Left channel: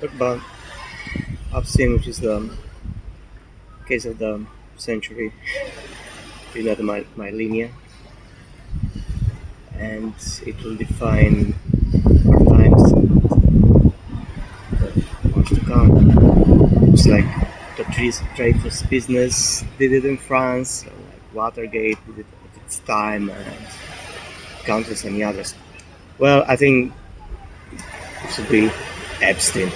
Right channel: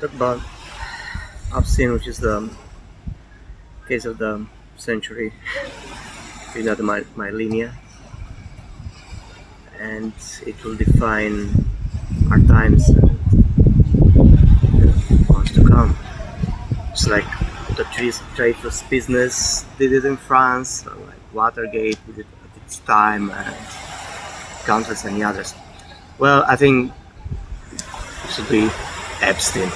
Talk about Epstein, which is the case of the century, my linear, and it will define our times and the ones to come. It's like the Dreyfus business did it in France, like Watergate did it at its time, and countless many others. Well, I think it should be Epstein,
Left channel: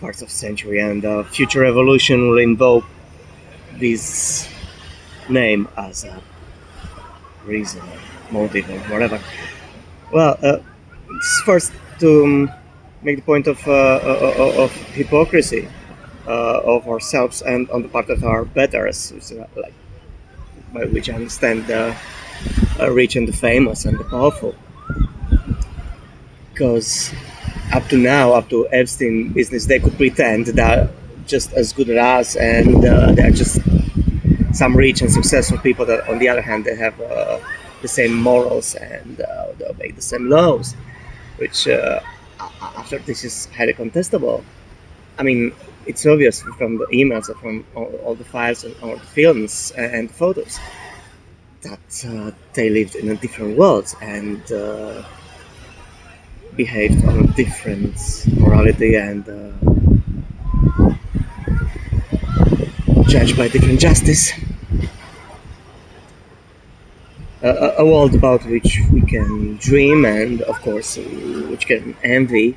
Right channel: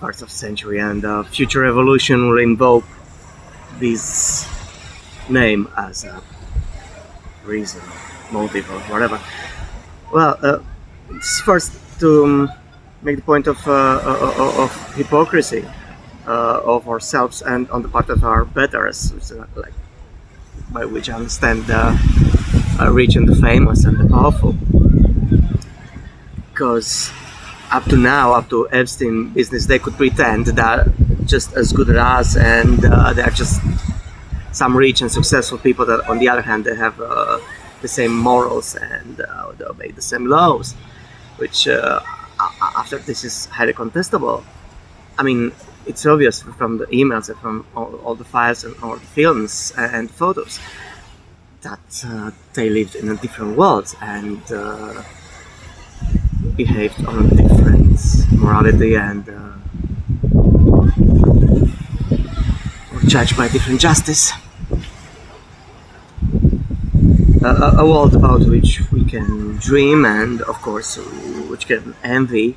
part of century, and future evolution will invoke this name as a reason, motive, or whatever. Well, it's first to make the point of hypocrisy of ourselves and on the part of our betters, which, like by which I understand the rich and the famous and the powerful. Because up to now, up to Epstein business, they could pretend they're just as good as us, and they're just some rich and successful people that, on the other hand, they have the same morals and they obey the same laws, which after this is highly contestable. I mean, it's obvious from the emails and from all the files and all the films and photos that they lived in a different world and behaved on a different morality and judged by different justice. A world about which we can dream and, of course, which can envy.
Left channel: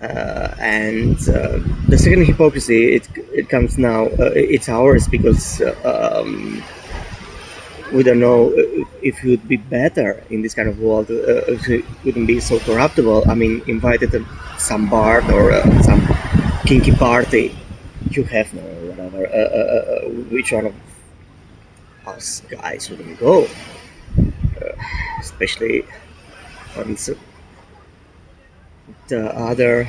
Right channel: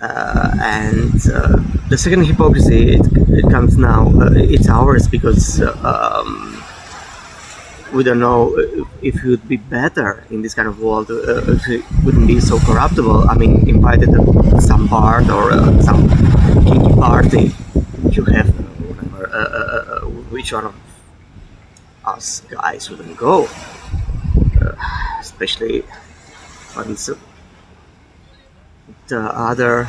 And the second hypocrisy, it comes now, it's ours because we don't know if it would be better in this kind of world, if it wouldn't be so corruptible. I mean, invited to some bar or some kinky party, you have whatever, which one of us guys wouldn't go, especially when the other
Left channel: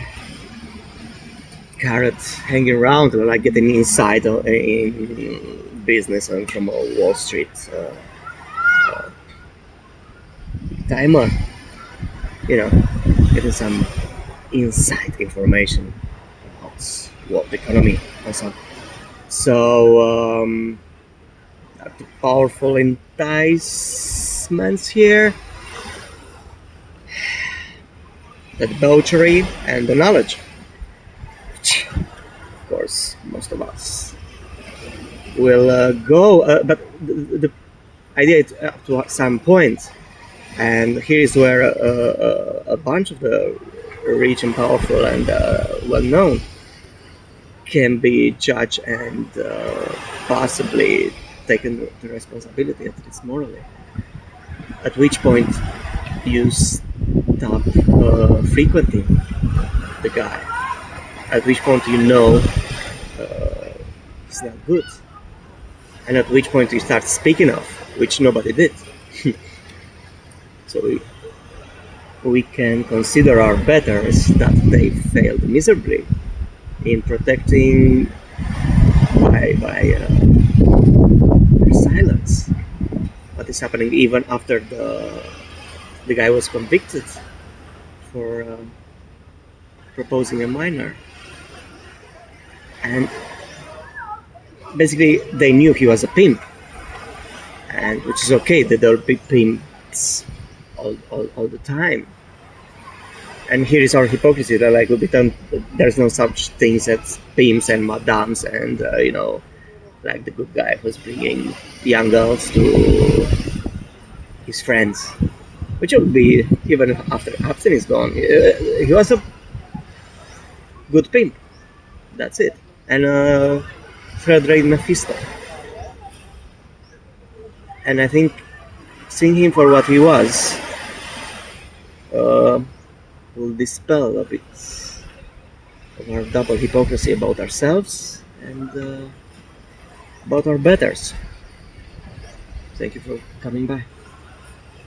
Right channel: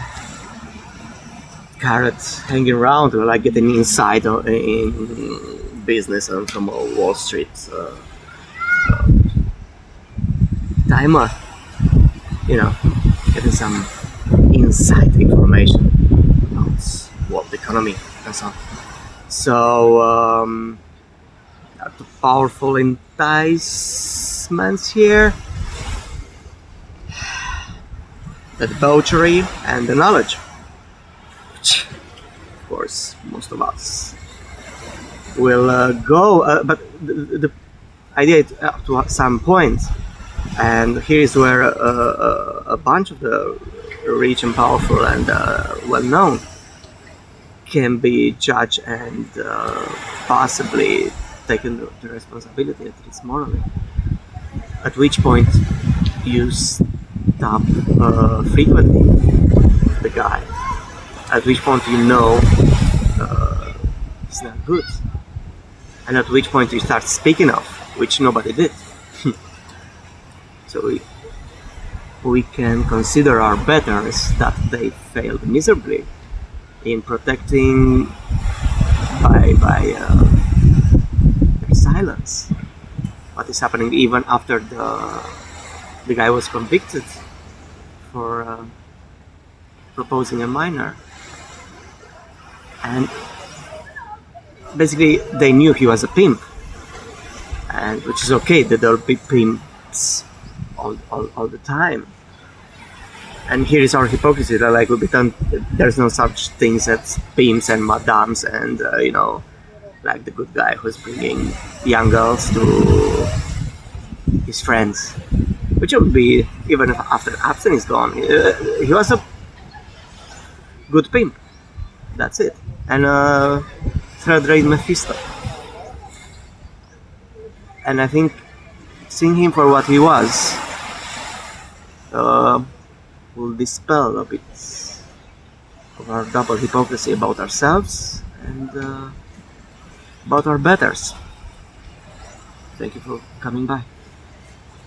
carrots hanging around, like getting inside in business and from Wall Street timer, getting some inside information about world economy and so on. So the powerful enticements here, the debauchery and the knowledge, which of course most of us will go, but the idea is up to some point, and here is where a bunch of the rich and powerful and well-known can be judged and possibly taken the responsibility, at least morally. At which point you stop frequenting the guy. At which point you know it's not good. And at which point you start speaking of, which nobody did. So we can consider our betters that they failed miserably in protecting by their silence what is happening even after the guy was convicted for proposing a minor. And basically they knew he was a pimp, and which is okay, that there will be pimps all the time. And here is our hypocrisy that like will be done. There's no such things as pimps and madams and like the good guy who's bringing young girls to his friends, which will be even after Epstein is gone. He was a good pimp. That's it. And third-rate Mephisto. And I think seeing him for what he was will dispel a bit of our double hypocrisy about ourselves and about our betters. Thank you for coming by.